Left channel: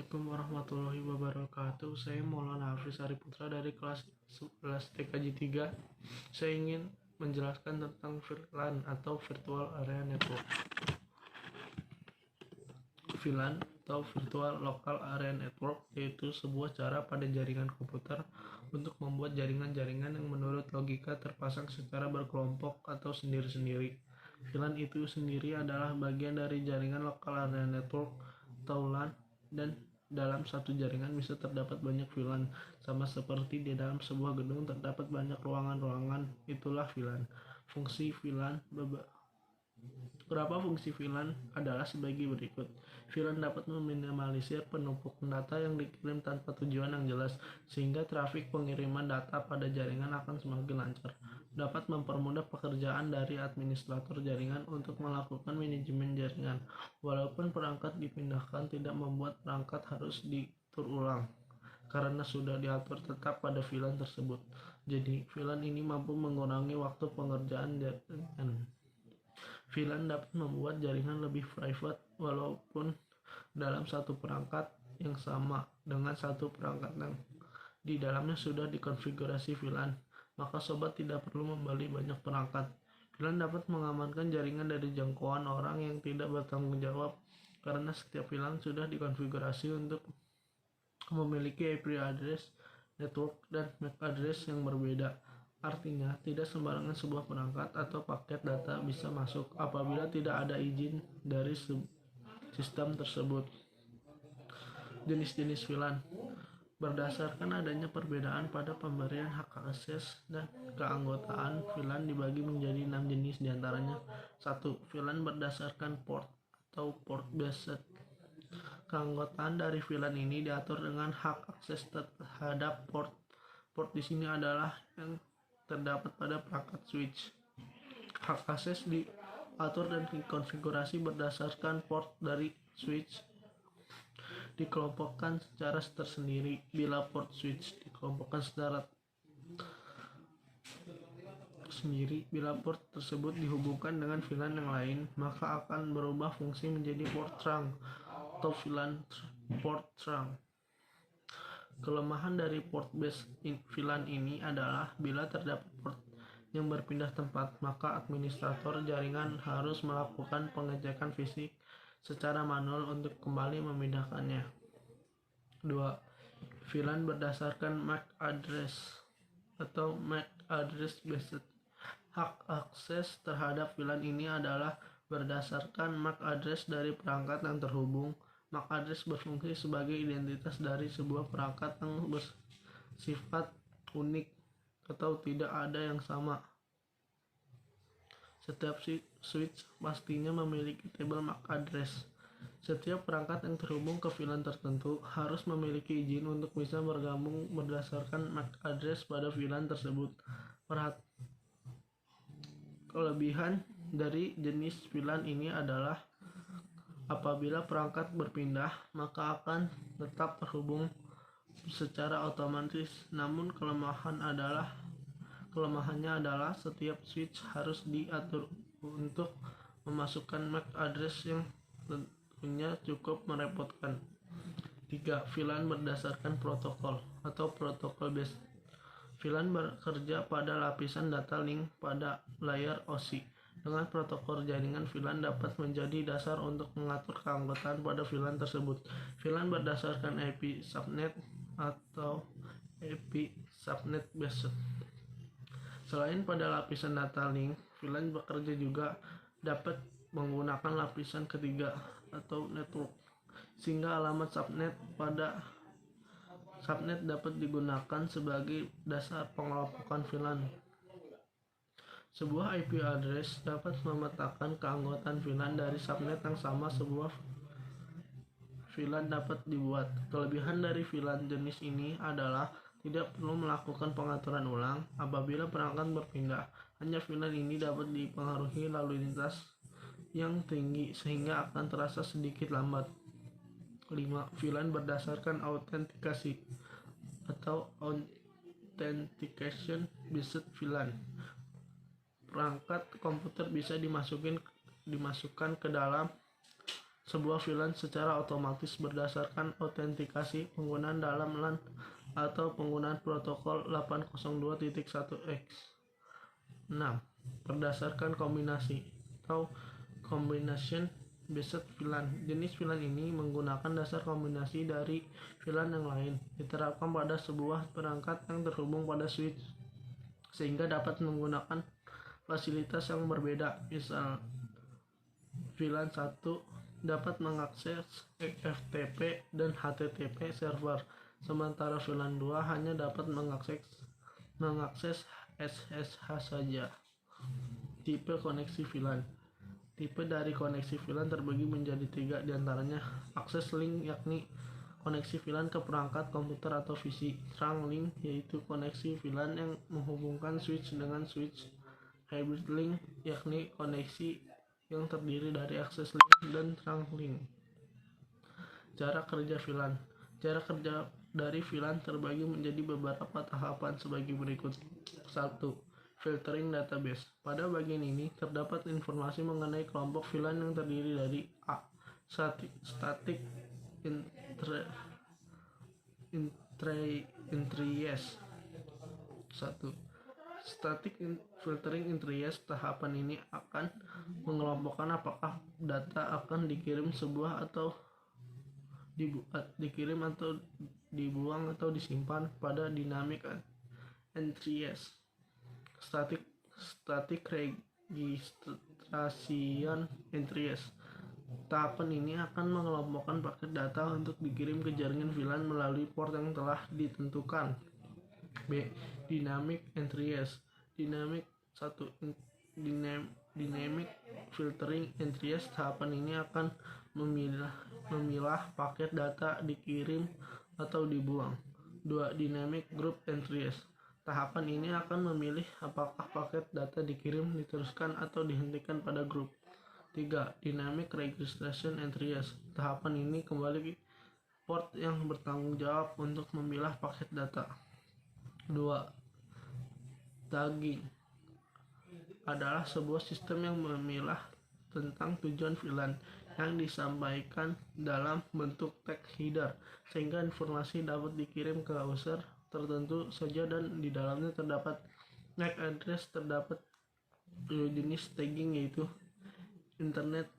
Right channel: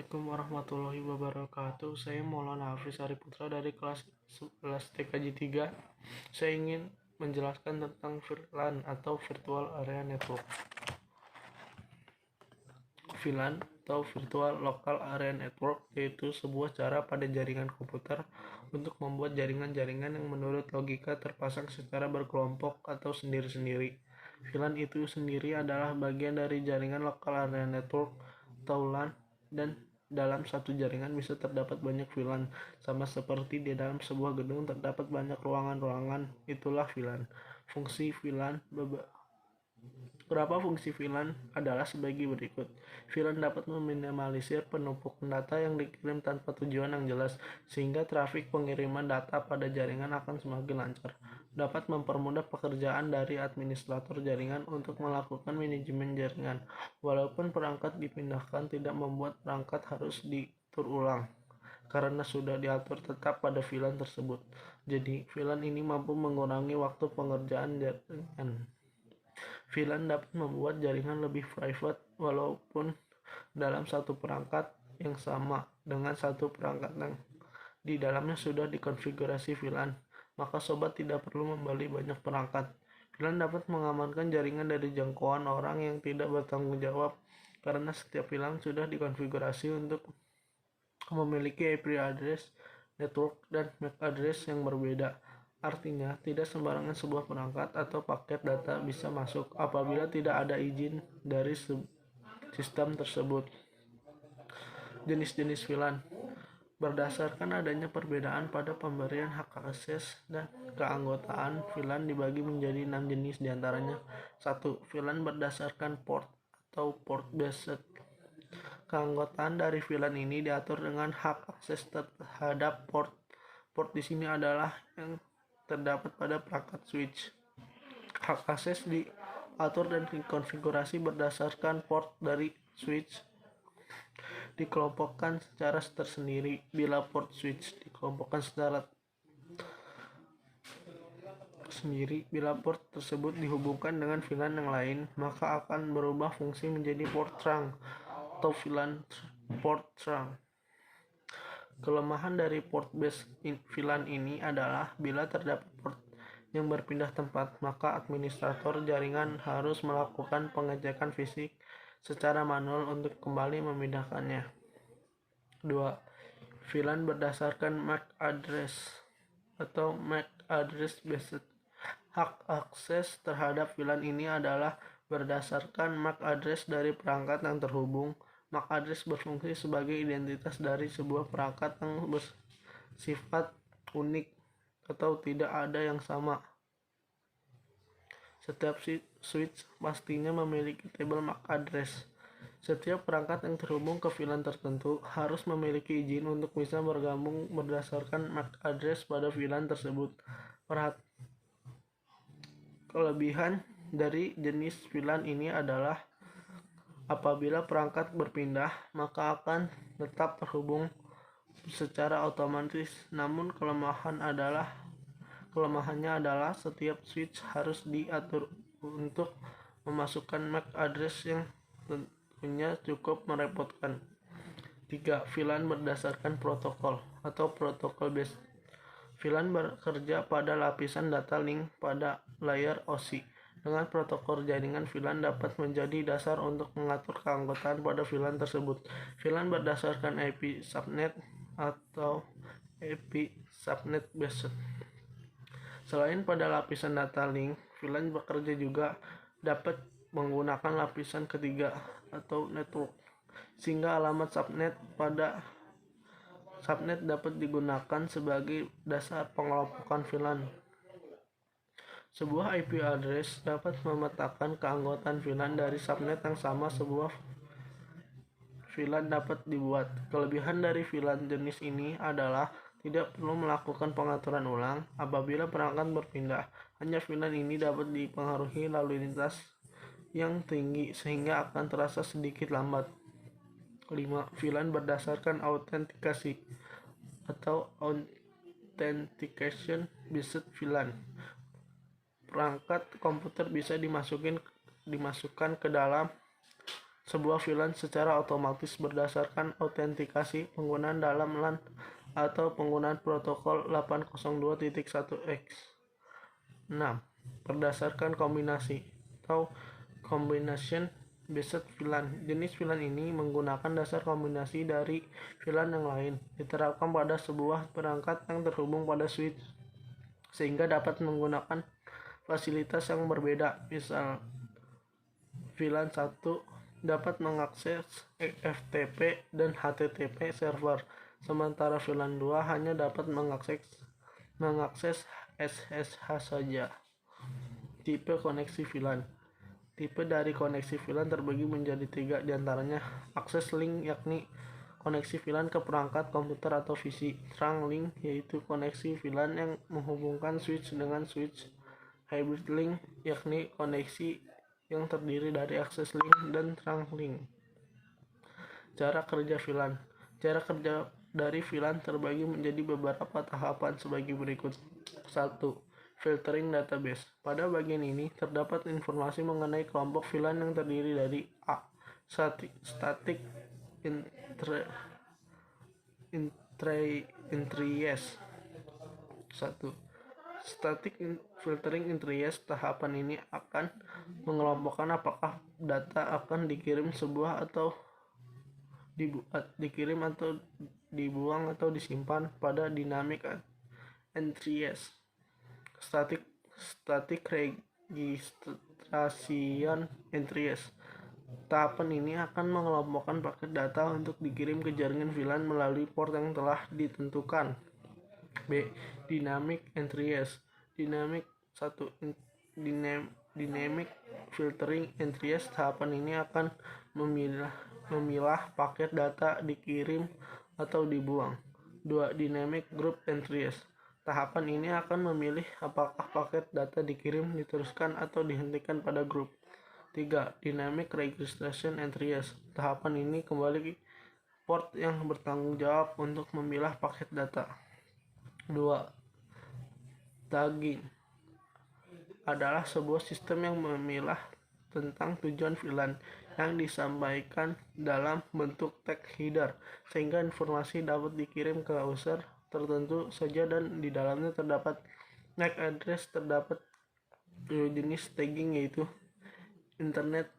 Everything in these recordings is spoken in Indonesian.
Assalamualaikum warahmatullahi wabarakatuh. Saya Maulana Hafiz Arif Putra dari kelas 11 TKJ 3. Saya ingin menjelaskan tentang VLAN atau Virtual Area Network. VLAN atau Virtual Local Area Network yaitu sebuah cara pada jaringan komputer untuk membuat jaringan-jaringan yang menurut logika terpasang secara berkelompok atau sendiri-sendiri. VLAN itu sendiri adalah bagian dari jaringan Local Area Network atau LAN, dan dalam satu jaringan bisa terdapat banyak VLAN, sama seperti di dalam sebuah gedung terdapat banyak ruangan-ruangan. Itulah VLAN. Fungsi VLAN Beberapa fungsi VLAN adalah sebagai berikut. VLAN dapat meminimalisir penumpukan data yang dikirim tanpa tujuan yang jelas, sehingga trafik pengiriman data pada jaringan akan semakin lancar. Dapat mempermudah pekerjaan dari administrator jaringan untuk melakukan manajemen jaringan. Walaupun perangkat dipindahkan, tidak membuat perangkat harus diatur ulang, karena sudah diatur tetap pada VLAN tersebut. Jadi, VLAN ini mampu mengurangi waktu pengerjaan jaringan. VLAN dapat membuat jaringan lebih private walaupun dalam satu perangkat yang sama dengan satu perangkat yang di dalamnya sudah dikonfigurasi VLAN, maka sobat tidak perlu membeli banyak perangkat. VLAN dapat mengamankan jaringan dari jangkauan orang yang tidak bertanggung jawab, karena setiap VLAN sudah dikonfigurasi untuk memiliki IP address network dan MAC address yang berbeda. Artinya, tidak sembarangan sebuah perangkat atau paket data bisa masuk apabila tidak ada izin dari sistem tersebut. Jenis-jenis VLAN berdasarkan adanya perbedaan pada pemberian hak akses dan keanggotaan, VLAN dibagi menjadi 6 jenis, diantaranya 1. VLAN berdasarkan port atau port based. Keanggotaan dari VLAN ini diatur dengan hak akses terhadap port. Port di sini adalah yang terdapat pada perangkat switch. Hak akses diatur dan dikonfigurasi berdasarkan port dari switch. Dikelompokkan secara tersendiri. Bila port switch dikelompokkan secara sendiri, bila port tersebut dihubungkan dengan VLAN yang lain, maka akan berubah fungsi menjadi port trunk atau VLAN port trunk. Kelemahan dari port based VLAN ini adalah bila terdapat port yang berpindah tempat, maka administrator jaringan harus melakukan pengecekan fisik secara manual untuk kembali memindahkannya. 2. VLAN berdasarkan MAC address atau MAC address based. Hak akses terhadap VLAN ini adalah berdasarkan MAC address dari perangkat yang terhubung. MAC address berfungsi sebagai identitas dari sebuah perangkat yang bersifat unik atau tidak ada yang sama. Setiap switch pastinya memiliki tabel MAC address. Setiap perangkat yang terhubung ke VLAN tertentu harus memiliki izin untuk bisa bergabung berdasarkan MAC address pada VLAN tersebut. Kelebihan dari jenis VLAN ini adalah apabila perangkat berpindah, maka akan tetap terhubung secara otomatis. Namun kelemahannya adalah setiap switch harus diatur untuk memasukkan MAC address yang tentunya cukup merepotkan. 3. VLAN berdasarkan protokol atau protokol based. VLAN bekerja pada lapisan data link pada layer OSI. Dengan protokol jaringan, VLAN dapat menjadi dasar untuk mengatur keanggotaan pada VLAN tersebut. VLAN berdasarkan IP subnet atau IP subnet based. Selain pada lapisan data link, VLAN bekerja juga dapat menggunakan lapisan ketiga atau network, sehingga alamat subnet pada subnet dapat digunakan sebagai dasar pengelompokan VLAN. Sebuah IP address dapat memetakan keanggotaan VLAN dari subnet yang sama. Sebuah VLAN dapat dibuat. Kelebihan dari VLAN jenis ini adalah tidak perlu melakukan pengaturan ulang apabila perangkat berpindah. Hanya VLAN ini dapat dipengaruhi lalu lintas yang tinggi sehingga akan terasa sedikit lambat. 5. VLAN berdasarkan autentikasi atau authentication based VLAN. Perangkat komputer bisa dimasukkan ke dalam sebuah VLAN secara otomatis berdasarkan autentikasi penggunaan dalam LAN atau penggunaan protokol 802.1x. 6. Berdasarkan kombinasi atau combination based VLAN. Jenis VLAN ini menggunakan dasar kombinasi dari VLAN yang lain, diterapkan pada sebuah perangkat yang terhubung pada switch, sehingga dapat menggunakan fasilitas yang berbeda. Misal, VLAN 1 dapat mengakses FTP dan HTTP server, sementara VLAN 2 hanya dapat mengakses SSH saja. Tipe koneksi VLAN. Tipe dari koneksi VLAN terbagi menjadi 3, diantaranya akses link, yakni koneksi VLAN ke perangkat komputer atau PC. Trunk link, yaitu koneksi VLAN yang menghubungkan switch dengan switch. Hybrid link, yakni koneksi yang terdiri dari akses link dan trunk link. Cara kerja VLAN. Cara kerja dari VLAN terbagi menjadi beberapa tahapan sebagai berikut. 1. Filtering database. Pada bagian ini terdapat informasi mengenai kelompok VLAN yang terdiri dari A. Static entries. 1. Static filtering entries. Tahapan ini akan mengelompokkan apakah data akan dikirim sebuah atau dikirim atau dibuang atau disimpan pada dynamic entries. Static registration entries. Tahapan ini akan mengelompokkan paket data untuk dikirim ke jaringan VLAN melalui port yang telah ditentukan. B. Dynamic entries. Dynamic filtering entries. Tahapan ini akan memilah paket data dikirim atau dibuang. 2. Dynamic group entries. Tahapan ini akan memilih apakah paket data dikirim, diteruskan, atau dihentikan pada grup. 3. Dynamic registration entries. Tahapan ini kembali port yang bertanggung jawab untuk memilah paket data. 2. Tagging adalah sebuah sistem yang memilah tentang tujuan VLAN yang disampaikan dalam bentuk tag header, sehingga informasi dapat dikirim ke user tertentu saja, dan di dalamnya terdapat MAC address. Terdapat dua jenis tagging, yaitu Internet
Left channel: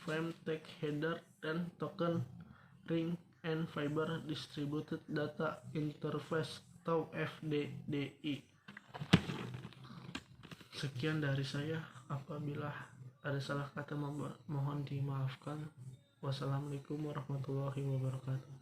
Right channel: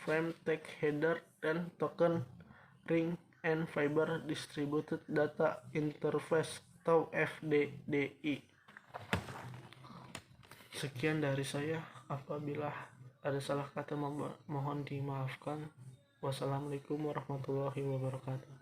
Frame Tag Header dan Token Ring and Fiber Distributed Data Interface atau FDDI. Sekian dari saya. Apabila ada salah kata mohon dimaafkan. Wassalamualaikum warahmatullahi wabarakatuh.